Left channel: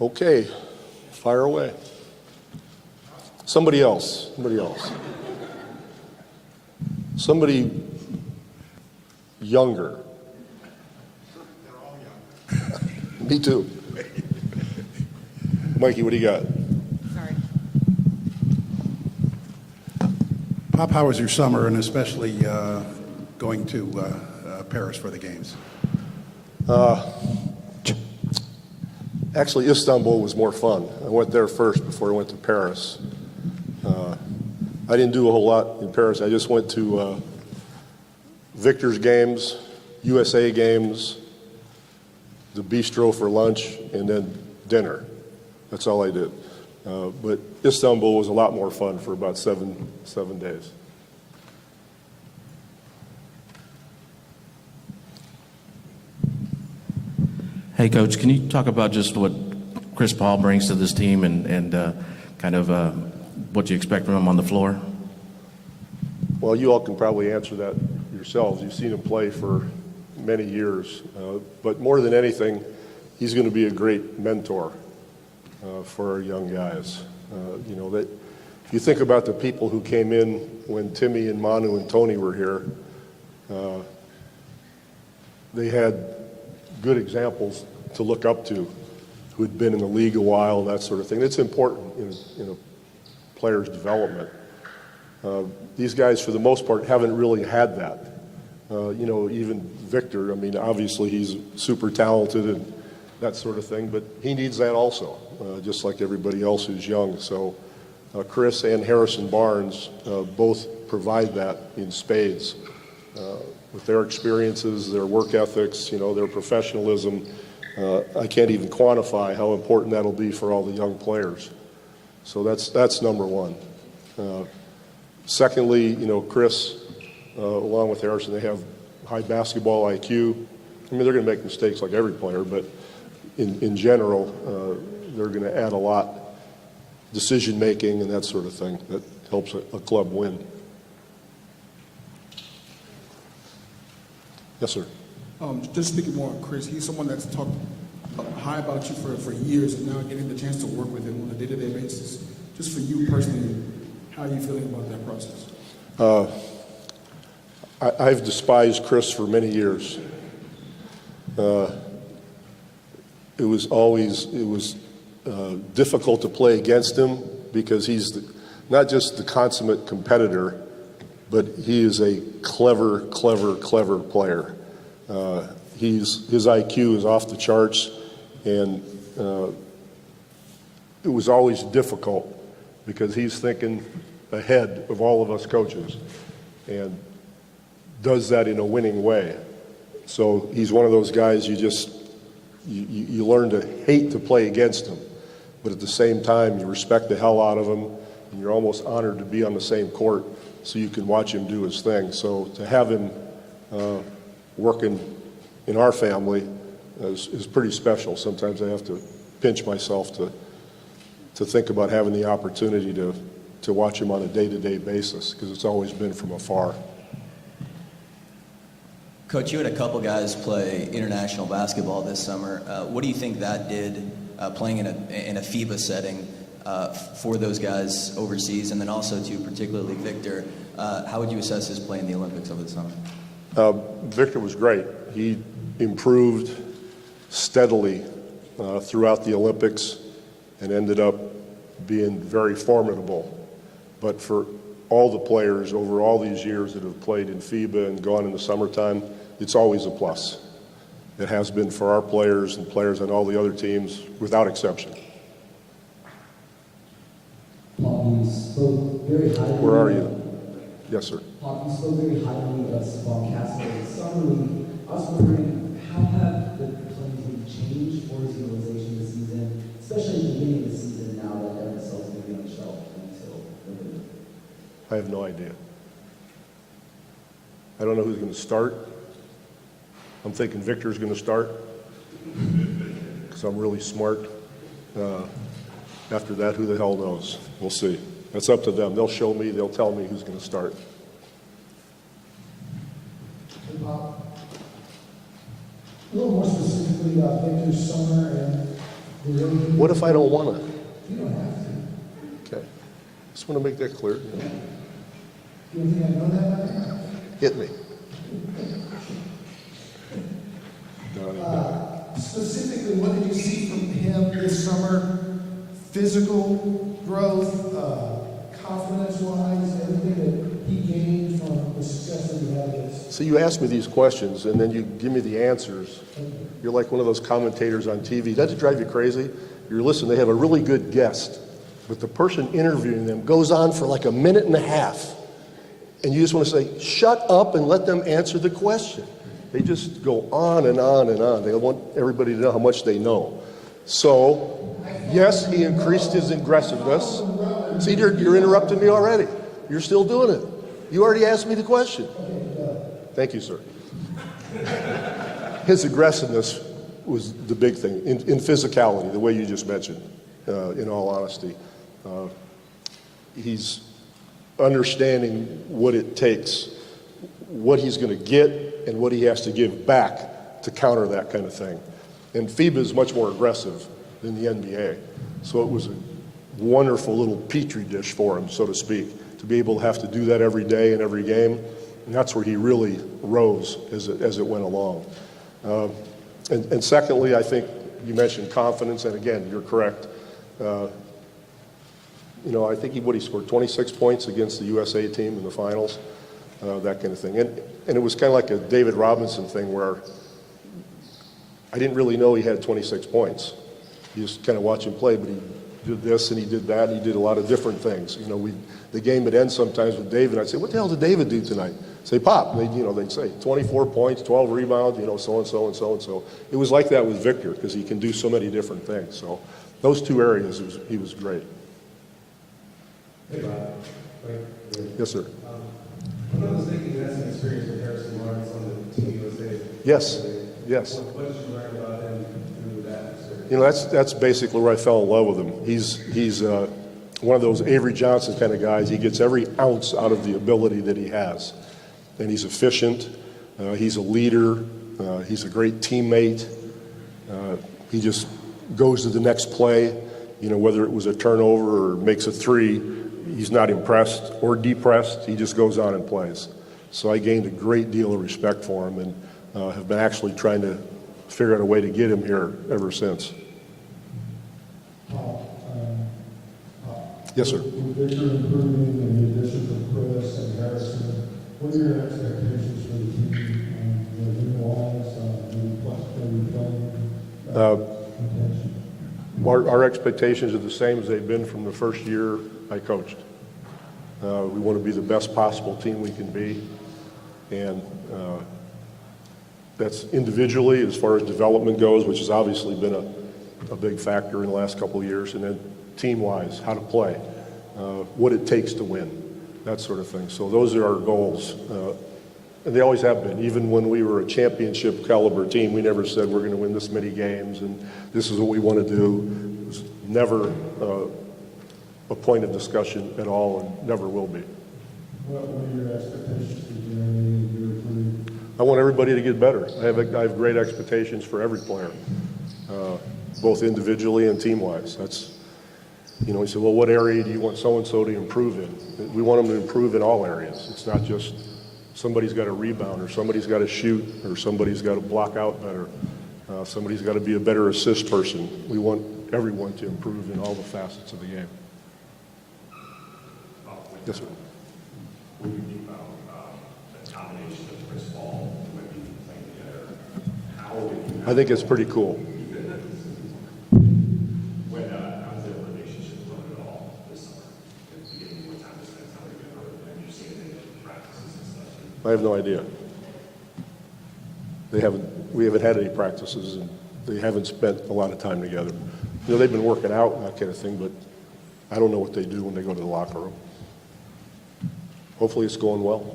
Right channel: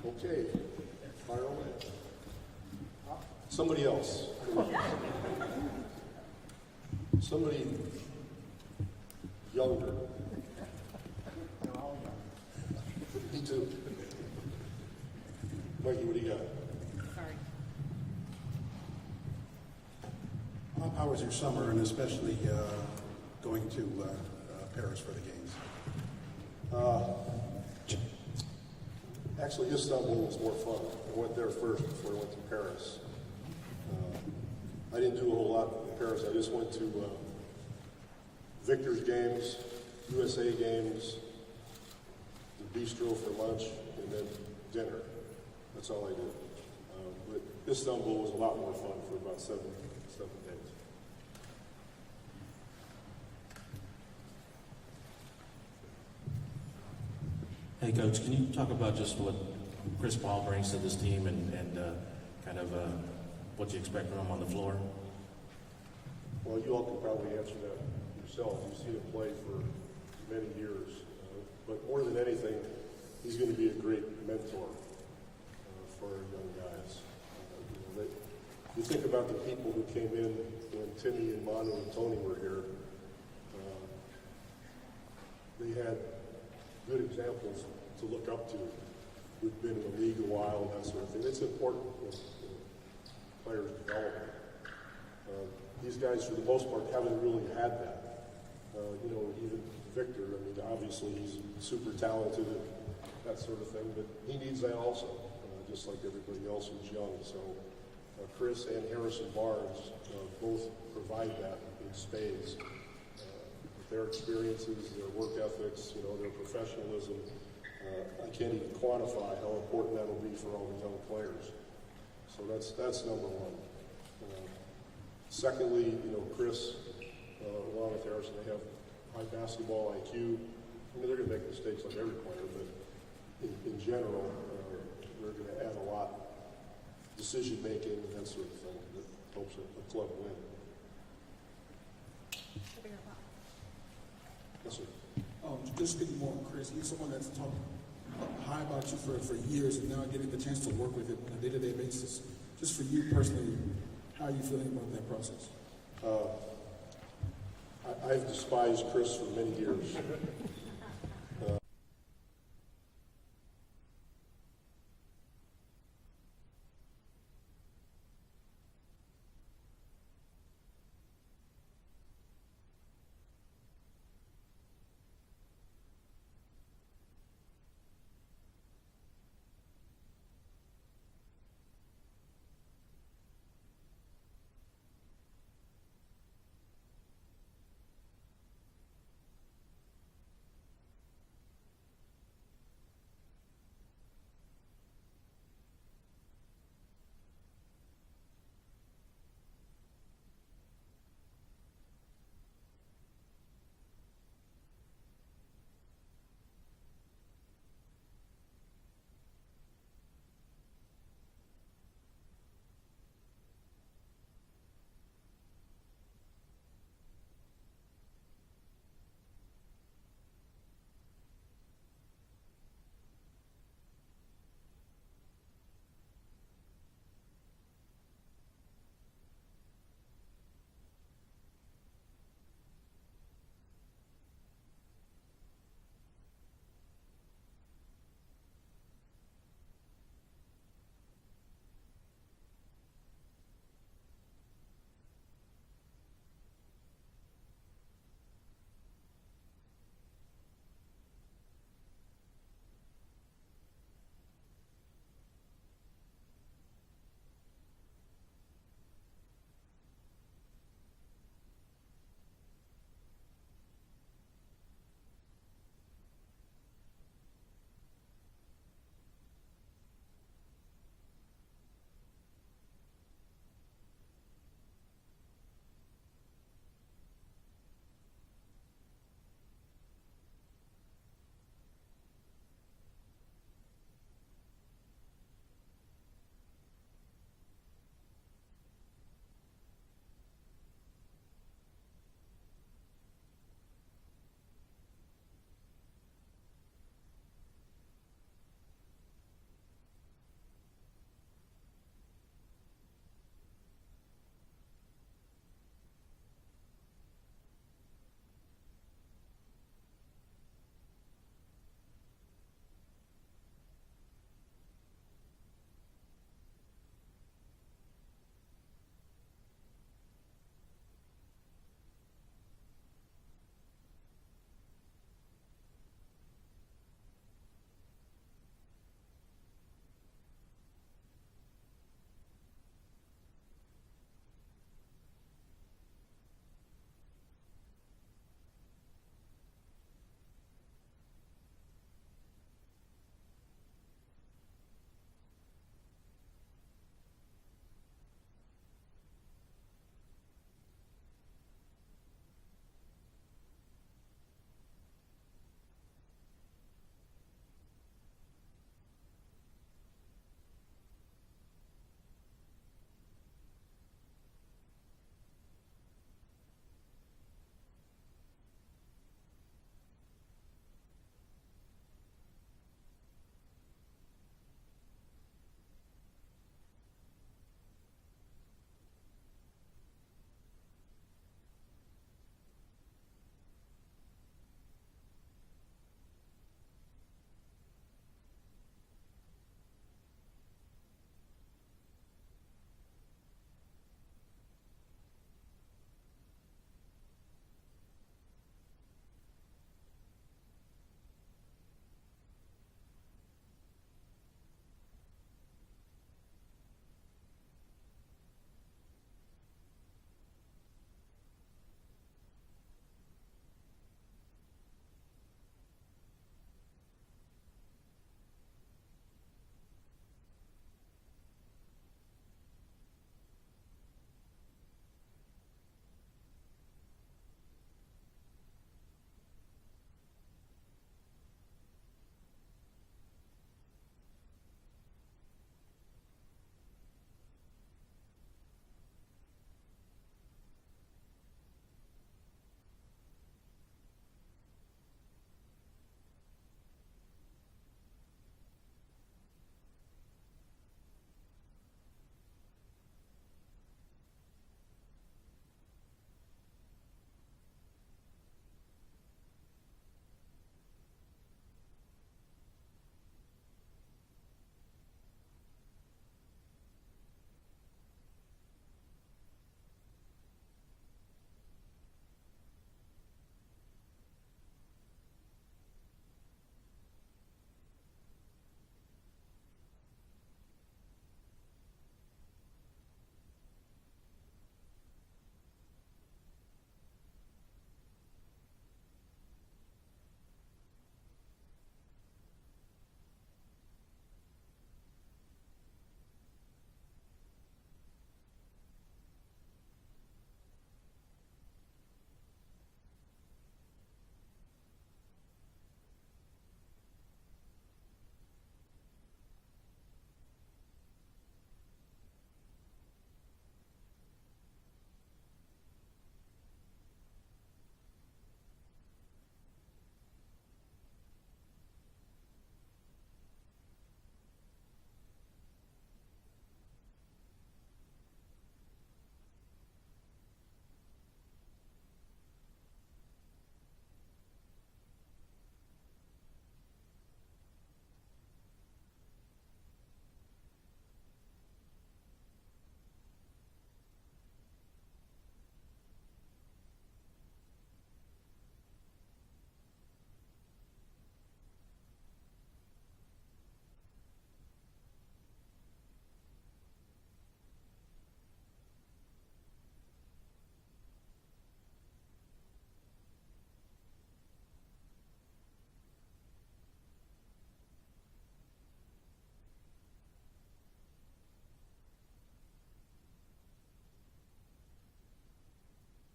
Okay, fire away. Somebody else. Somebody younger. Me too. Mikey, what do you got? Sorry. Pop, how was your summer, and especially going to Paris for the games? Actually, Istanbul was more fun. I went there first before I went to Paris. I didn't do a whole lot in Paris. I just went to Victor's games, USA games, the bistro for lunch, and then dinner. That's all I did. But Istanbul was a lot more fun for about seven days. Hey, Coach, can you talk about just what Chris Paul brings to this team and kind of what you expect from him on the floor? Well, you all can probably answer that yourselves. You've seen him play for many years. But more than anything, he's going to be a great mentor for our young guys. That you think about the people who came in when Timmy and Manu and Tony were here, they had good examples to look up to who had been in the league a while, that sort of thing. It's important in a player's development. These guys, for the most part, haven't really had that. Even Victor, I mean, obviously he's super talented and that sort of thing, but he needs that also, just like everybody else who's young. So Chris and Harrison Barnes both provide that in spades. With their experiences, their work ethics, their professionalism, I can't even quantify how important that'll be for all the young players. So that's number one. Secondly, Chris, along with Harrison, they have high basketball IQ. I mean, they're going to make mistakes like every player, but in general, they're going to add a lot, decision making and that sort of thing that helps a club win. Yes, sir. Just speaking more on Chris, he's someone that's talked high about you for years, and now getting the chance to work with him on a day-to-day basis. Just for you personally, how are you feeling about that process? I've despised Chris for many years. It was difficult to play against him because he's not just the consummate competitor, but he is a clever player. His IQ is off the charts, and it was always difficult because he's thinking ahead of all of us coaches and does that in a winning way. So he's one of those guys you learn to hate to play against him, but at the same time you respect the hell out of him, and you're almost honored to be on the same court so you can watch him do his thing. So to have him working in our family is pretty special. Sometimes I have to pinch myself to think about having the opportunity to watch him on a day-to-day basis, because it's always been from afar. Coach, you had a couple guys play international basketball this summer. What do you think that did, playing in a FIBA setting, for those guys overseas, and then also to particularly Victor? How would you assess his play in the Olympics over the summer? Victor was great. He improved steadily throughout the Olympics and ended up being very formidable. But for all the players over all these years that have played in FIBA and gone in the summertime, it's always a plus. It has been for our players and players on all the other teams, without exception. Paul, you spoke very highly. Where are you? Yes, sir. Paul, you spoke very highly of Spawn Castle in summer league. I was wondering, how have the players been changed for his utilization this season, especially at the beginning of the season now that MSL is going to be on the shelf until November? I have no idea. I don't know who's going to start. I'm thinking Victor's going to start because I'm really smart. After that, who the hell knows? We'll see. That's up to them. They'll show me. They'll tell me who's going to start. A little more specifically about Victor's summer and What if I don't want to? You don't have to. Okay. Just want to make that clear. Do you think I know that by now? Hit me. Specifically, what did you see from him this summer? Physical growth, confidence-wise, everything that he gained from the success that he had against. So you ask me these questions, and then you give me the answers. You're like one of those commentators on TV. Doesn't it drive you crazy? You're listening, they have a really good guest, but the person interviewing them goes on for like a minute and a half. And you just want to say, shut up and let them answer the question. They just go on and on and on. They want everybody to know how much they know. So, yes, he increased his aggressiveness. See, you're interrupting me already. You're still doing it. You already asked me the question. Thank you, sir. His aggressiveness was the big thing, in physicality, the way you just mentioned, in all honesty. He's understanding what it takes, what he's going to get, and what he has to give back to counter that kind of thing. And FIBA is much more aggressive than the NBA. So it was a wonderful little petri dish for him, so to speak, to be able to have to do that every day and every game. And that's where he really rose as it went along. And secondly, I think you mentioned confidence, and again, you're correct. You know, I think he scored 26 points against the USA team in the finals, that kind of thing. And it was kind of like a David Robinson thing where I didn't really know he had 26 points. You just kind of watch him play, but he did this and he did that, and he did a lot of different things. You know, the game would end sometimes with David. I'd say, what the hell did David do tonight? Say, Pop. They'd say 24 points, 12 rebounds, so and so and so and so. It was like that with Victor because he can do so many different things. So those two areas, he was great. Hey, Bob. Yes, sir. I'm not mistaken, you had some experience with Harrison Lawrence on the Team USA. Yes, yes. What did you learn about him through that experience? You know, that's basically where I fell in love with him. He's one of those Avery Johnson kind of guys. He gets every ounce out of the ability that he has. And he's efficient. He's a leader. He's a great teammate. He just goes to the next play. You know, whether it was a turnover or makes a three, he's not impressed or depressed. He just goes on and plays. So I gained a great deal of respect for him and have been actually trying to figure out a way to get him here ever since. Yes, sir. With Victor improving and the addition of Chris and Harrison, what are your expectations for the team? New Orleans, Our expectations are the same as they've been from the first year I coached. We want to be the best possible team we can be. And that's individually as far as development goes, which has obviously been a big factor in the last couple of years. And then team-wise, how to play, what it takes to win, that sort of thing. So those are our goals. And they always have been. Even when we were a championship caliber team, we never said we're going to win this many games and this is what we want to do. It was never a point of discussion at all and never will be. What are your expectations for Jeremy and your I want everybody to get better. I have great expectations for every player, both individually and team-wise. That's, you know, he said, well, what area do you want so-and-so to improve in? We want them to improve in all areas. It's not just somebody's got to rebound or somebody's got to shoot or somebody's got to block out better. Somebody's got to be a better assist person. We want everyone to improve in all the facets of the game. Yes, sir. What do you think about the combination of Chris Paul and Wemby playing together? How would you? I think it's pretty cool. How's their relationship going at all this summer? If you get more time to spend time together, and you're seeing them in practices and stuff. I have no idea. We haven't had any practices, and they haven't spent a lot of time together. You know, they've been working out and that kind of thing, but I don't know what they do when they go to the locker room. Hopefully it's going well.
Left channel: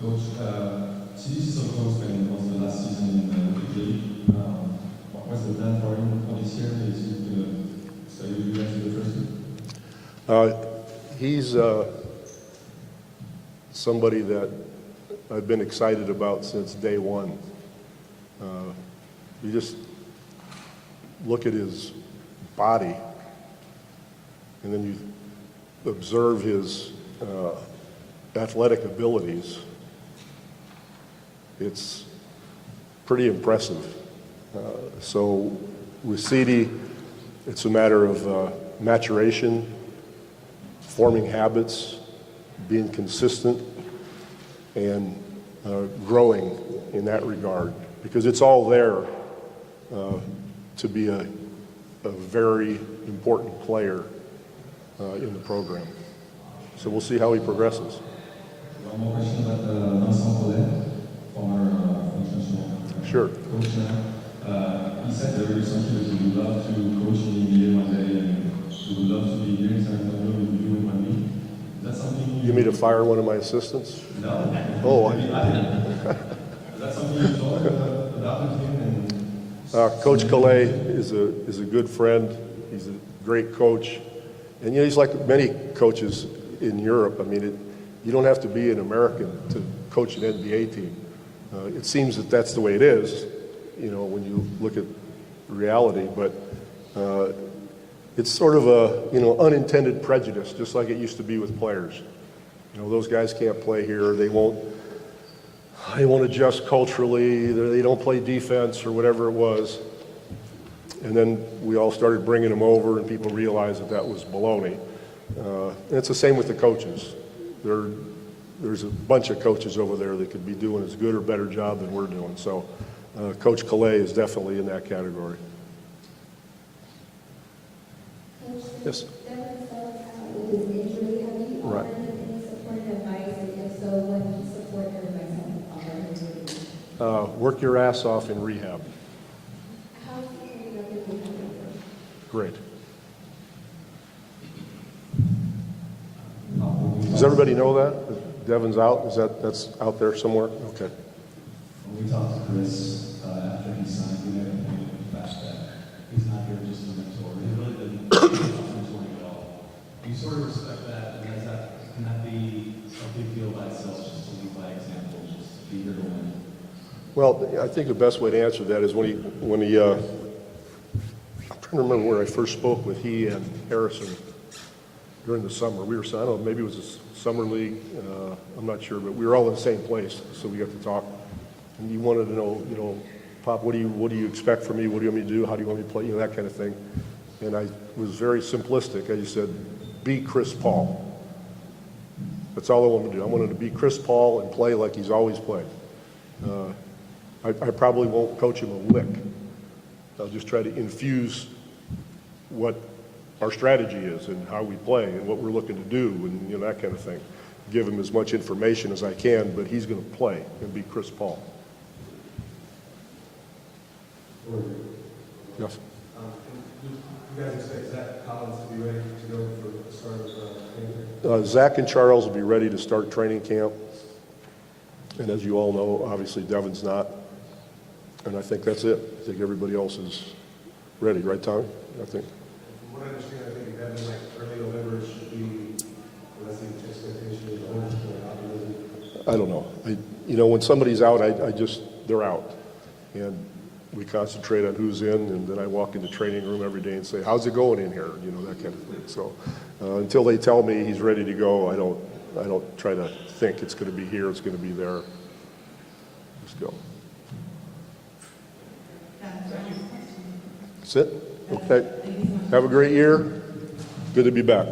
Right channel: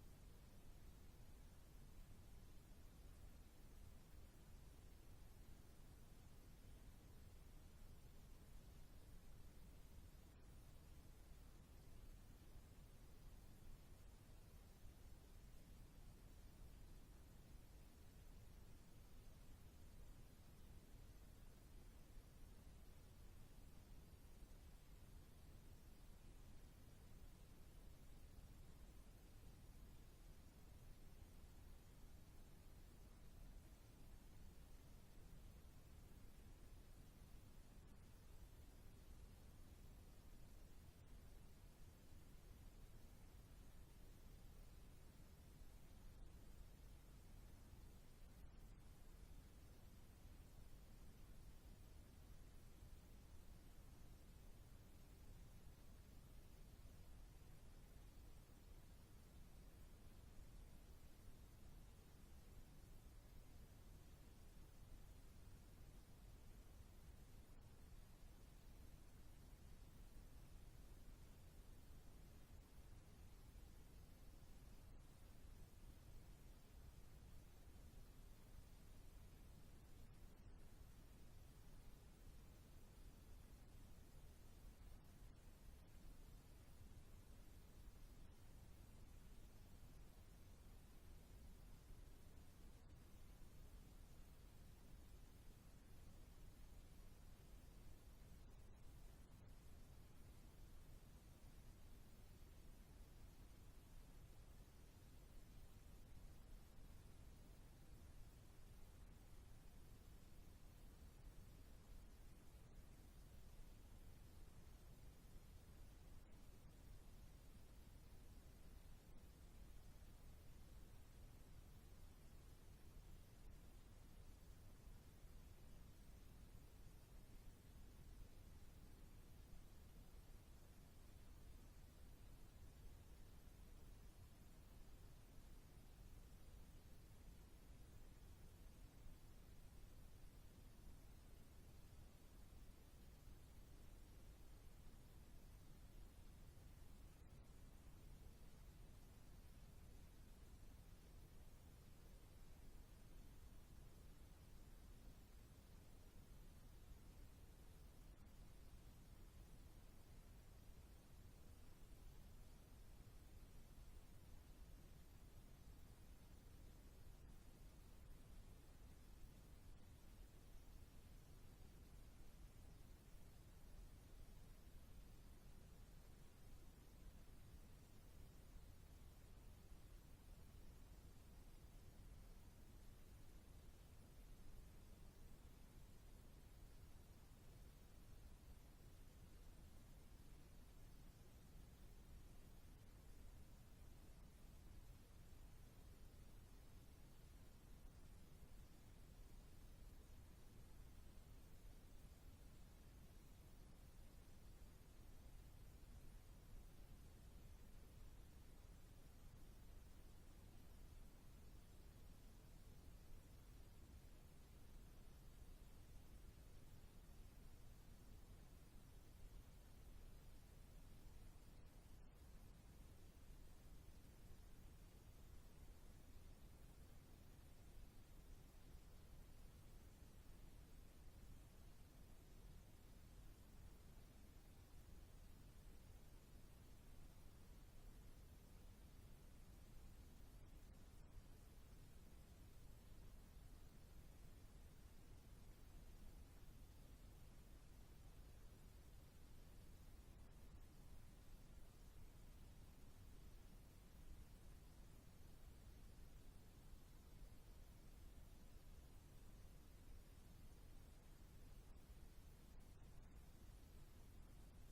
Coach, CDC Sokos was the last season in the league. What's the plan for him for this year? Is he going to stay with you guys in the first team? He's somebody that I've been excited about since day one. look at his body, and then you observe his athletic abilities, it's pretty impressive. So with CD, it's a matter of maturation, forming habits, being consistent, and growing in that regard, because it's all there to be a very important player in the program. So we'll see how he progresses. One more question about Vincent Collet, former international Sure. coach now. He said very recently that he would love to coach in the NBA one day and he would love to be here in San Antonio with you and me. Is that something You mean to fire one of my assistants? No. Oh, Is that something you thought about him? And Coach Calais is a good friend. He's a great coach. And, he's like many coaches in Europe. I mean, you don't have to be an American to coach an NBA team. It seems that that's the way it is, when you look at reality. But it's sort of a, unintended prejudice, just like it used to be with players. Those guys can't play here. They won't adjust culturally. They don't play defense or whatever it was. And then we all started bringing them over, and people realized that was baloney. And it's the same with the coaches. There's a bunch of coaches over there that could be doing as good or better job than we're doing. So Coach Calais is definitely in that category. Yes? With his injury, have you Right. offered him any supportive advice? And if so, what supportive advice have you offered him? Work your ass off in rehab. How is he ending up in rehab? Great. Does everybody know that Devin's out? That's out there somewhere? Okay. When we talked to Chris after he signed, we made a point of the fact that he's not here just as a mentor. He really didn't mentoring at all. Do you sort of respect that? And can that be a big deal by itself, just to lead by example, just to be here to win? Well, I think the best way to answer that is when he I'm trying to remember where I first spoke with he and Harrison during the summer. We were, I don't know, maybe it was a summer league. I'm not sure, but we were all in the same place, so we got to talk. And he wanted to know, Pop, what do you expect from me? What do you want me to do? How do you want me to play? That kind of thing. And I was very simplistic. I just said, be Chris Paul. That's all I wanted to do. I wanted to be Chris Paul and play like he's always played. I probably won't coach him a lick. I'll just try to infuse what our strategy is and how we play and what we're looking to do and that kind of thing. Give him as much information as I can, but he's going to play and be Chris Paul. Yes. You guys expect Zach Collins to be ready to go for the start of training camp? Zach and Charles will be ready to start training camp. And as you all know, obviously Devin's not. And I think that's it. I think everybody else is ready, right, Tommy? I think. From what I understand, I think Devin, like early November should be, unless the expectation is the owners going to I don't know. When somebody's out, they're out. And we concentrate on who's in, and then I walk in the training room every day and say, how's it going in here? That kind of thing. So until they tell me he's ready to go, I don't try to think it's going to be here, it's going to be there. Let's go. That's it? Okay. Have a great year. Good to be back.